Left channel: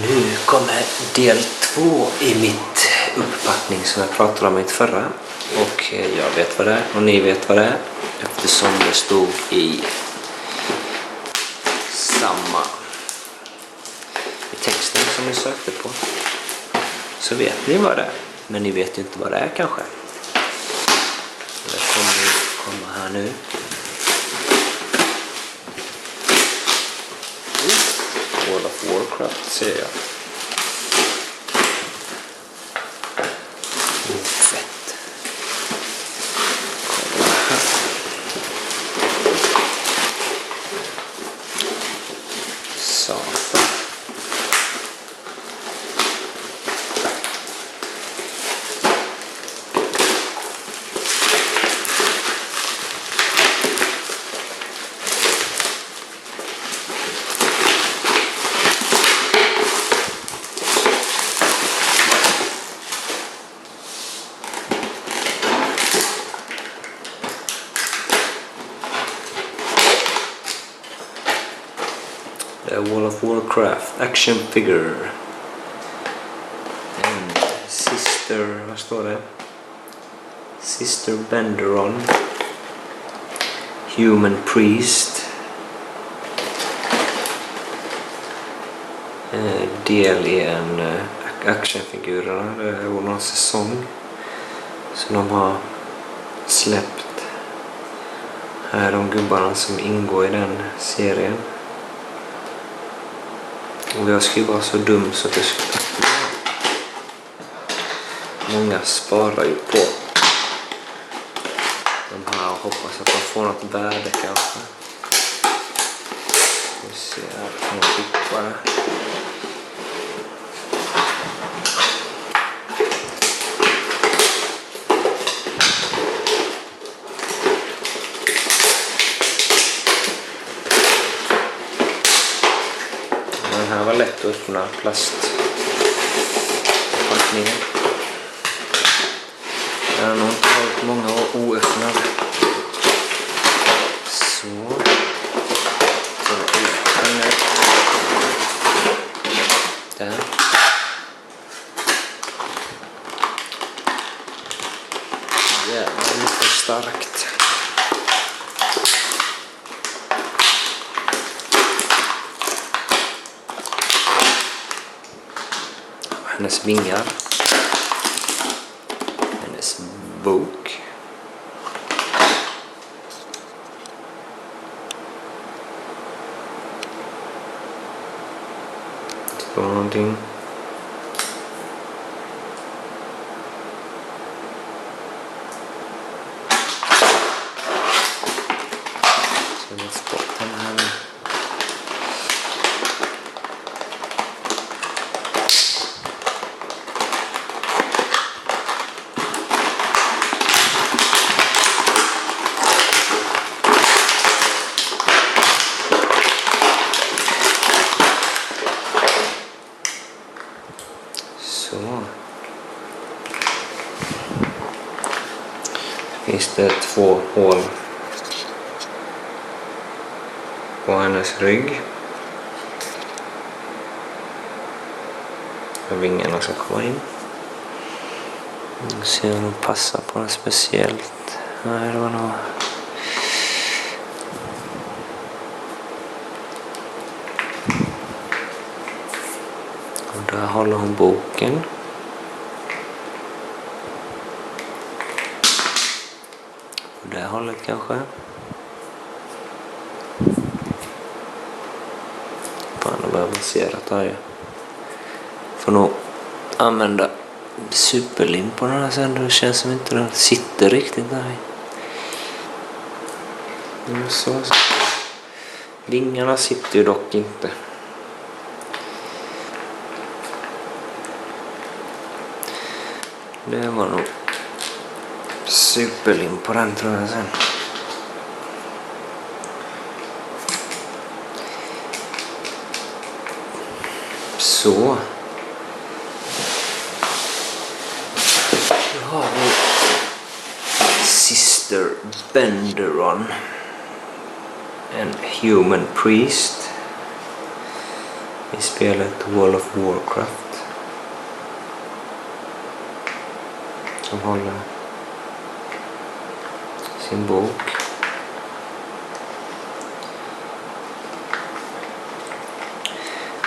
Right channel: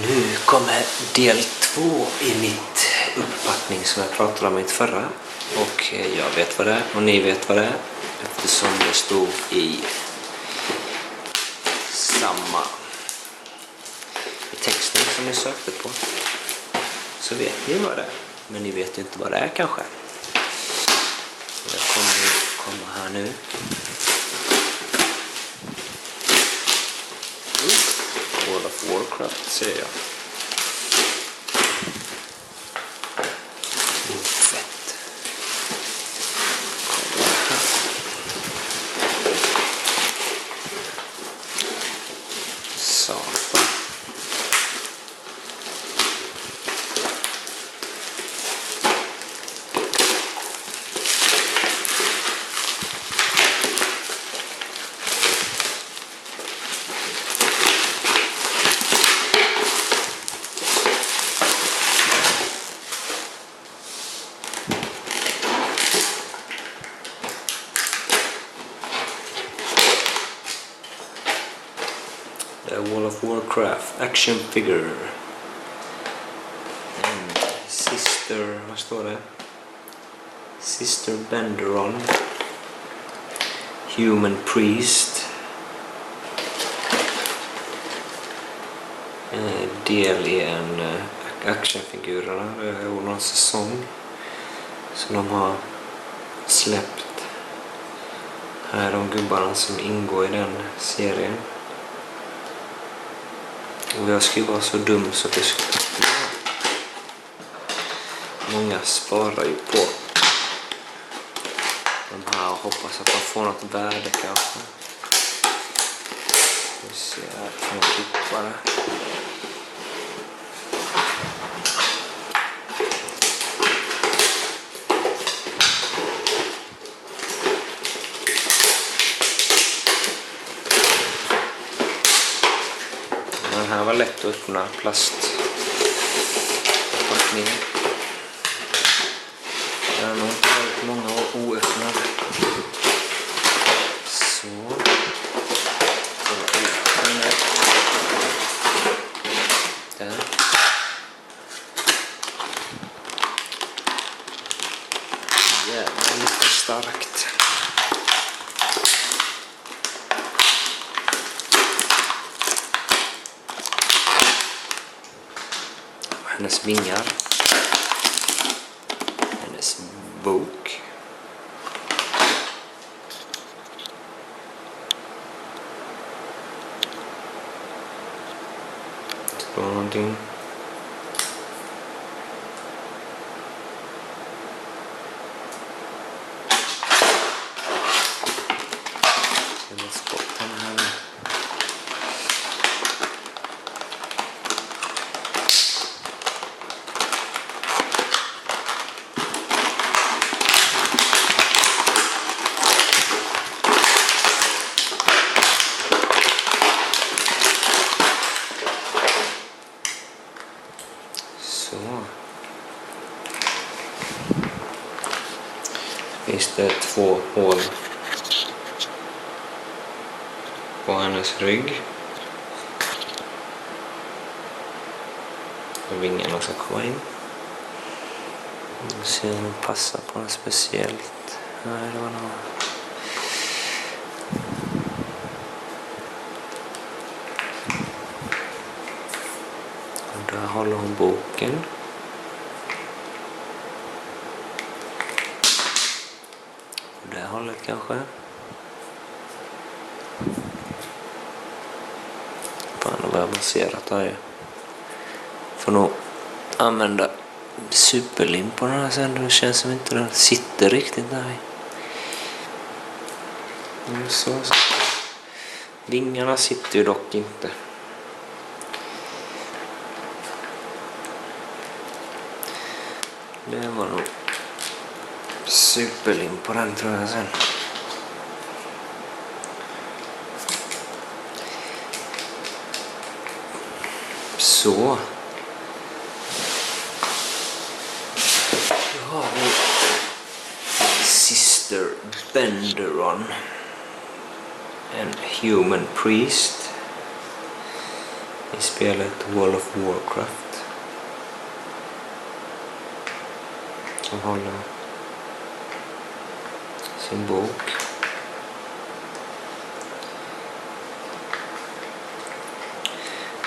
Nu kommer del 2 i mitt upppackning som jag pratade om i mitt förra. Och jag vet vad det är och ni vet vad det är. Eftersom det stod i texten som ni sökte på. Så vet ni vad det är. Men ni vet ju inte vad det är kanske. Det kommer komma här nu. World of Warcraft ser jag. Fett. Kolla här. Satan. The World of Warcraft action figure and Sister, vad står det? Sister Benderon, Human Priest, del i en actionfigurerna. Det är någon säsong som de har släppt. Här är de gubbarna som ingår i den serien. Och jag skulle vara så dum så att det skulle öppna. Många sparar ju på de här och hoppas att de får något värde kanske. Vi ser här, kan jag klippa det. Den här var lätt att öppna, plastförpackningen. Jag har nog inte varit många oöppnade. Så. Så ut den där. Där. Jävlar, lite starkt. Hennes vingar, hennes bok, det står någonting. Ska vi spotta den här nu? Så. Finns det 2 hål på hennes rygg. Och vingarna ska komma in. Se om de passar på något speciellt. Nej, det var nog... Och där håller hon boken. Och det hållet kanske. Fan, det var avancerat här ju. Får nog använda superlim på den här sen. Det känns som inte den sitter riktigt där. Så. Vingarna sitter ju dock inte. Det var nog superlim på den tror jag sen. Så. Då har vi Sister Benderon. En Human Priest. i spelet World of Warcraft. Som håller sin bok.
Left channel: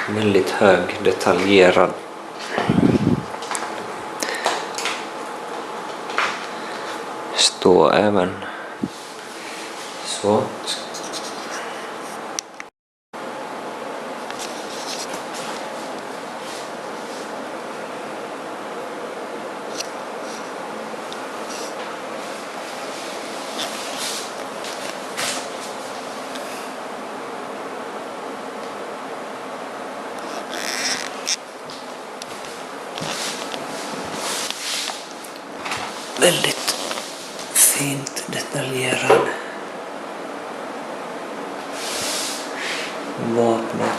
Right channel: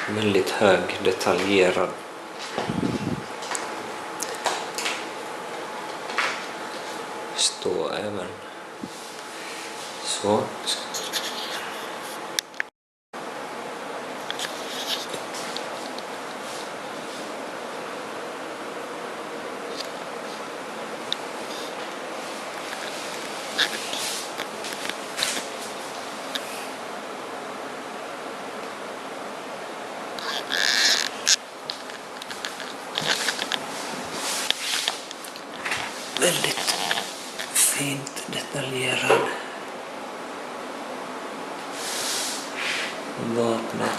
Väldigt hög, detaljerad. Står även så. Väldigt fint detaljerad. Vapnet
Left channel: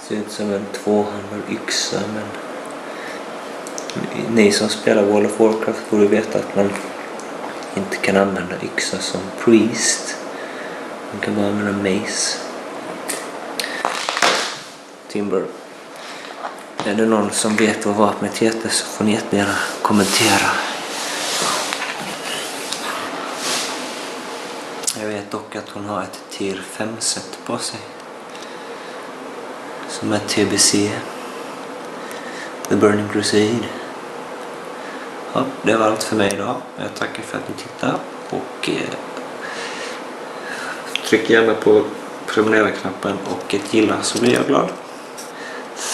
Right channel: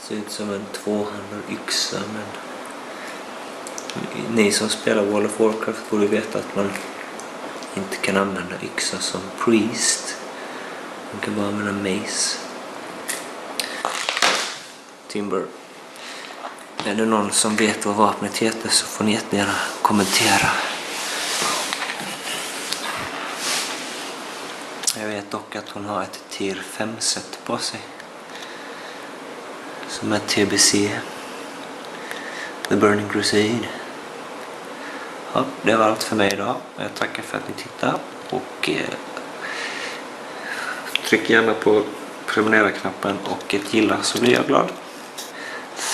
ser ut som en tvåhandad yxa, men ni som spelar World of Warcraft borde veta att man inte kan använda yxa som priest. Man kan bara använda mace. Timber. Är det någon som vet vad vapnet heter så får ni jättegärna kommentera. Jag vet dock att hon har ett tier 5-set på sig. Som är TBC. The Burning Crusade. Ja, det var allt för mig idag. Jag tackar för att ni tittar. Och tryck gärna på prenumerera-knappen och ett gilla så blir jag glad.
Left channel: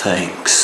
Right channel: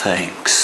Thanks.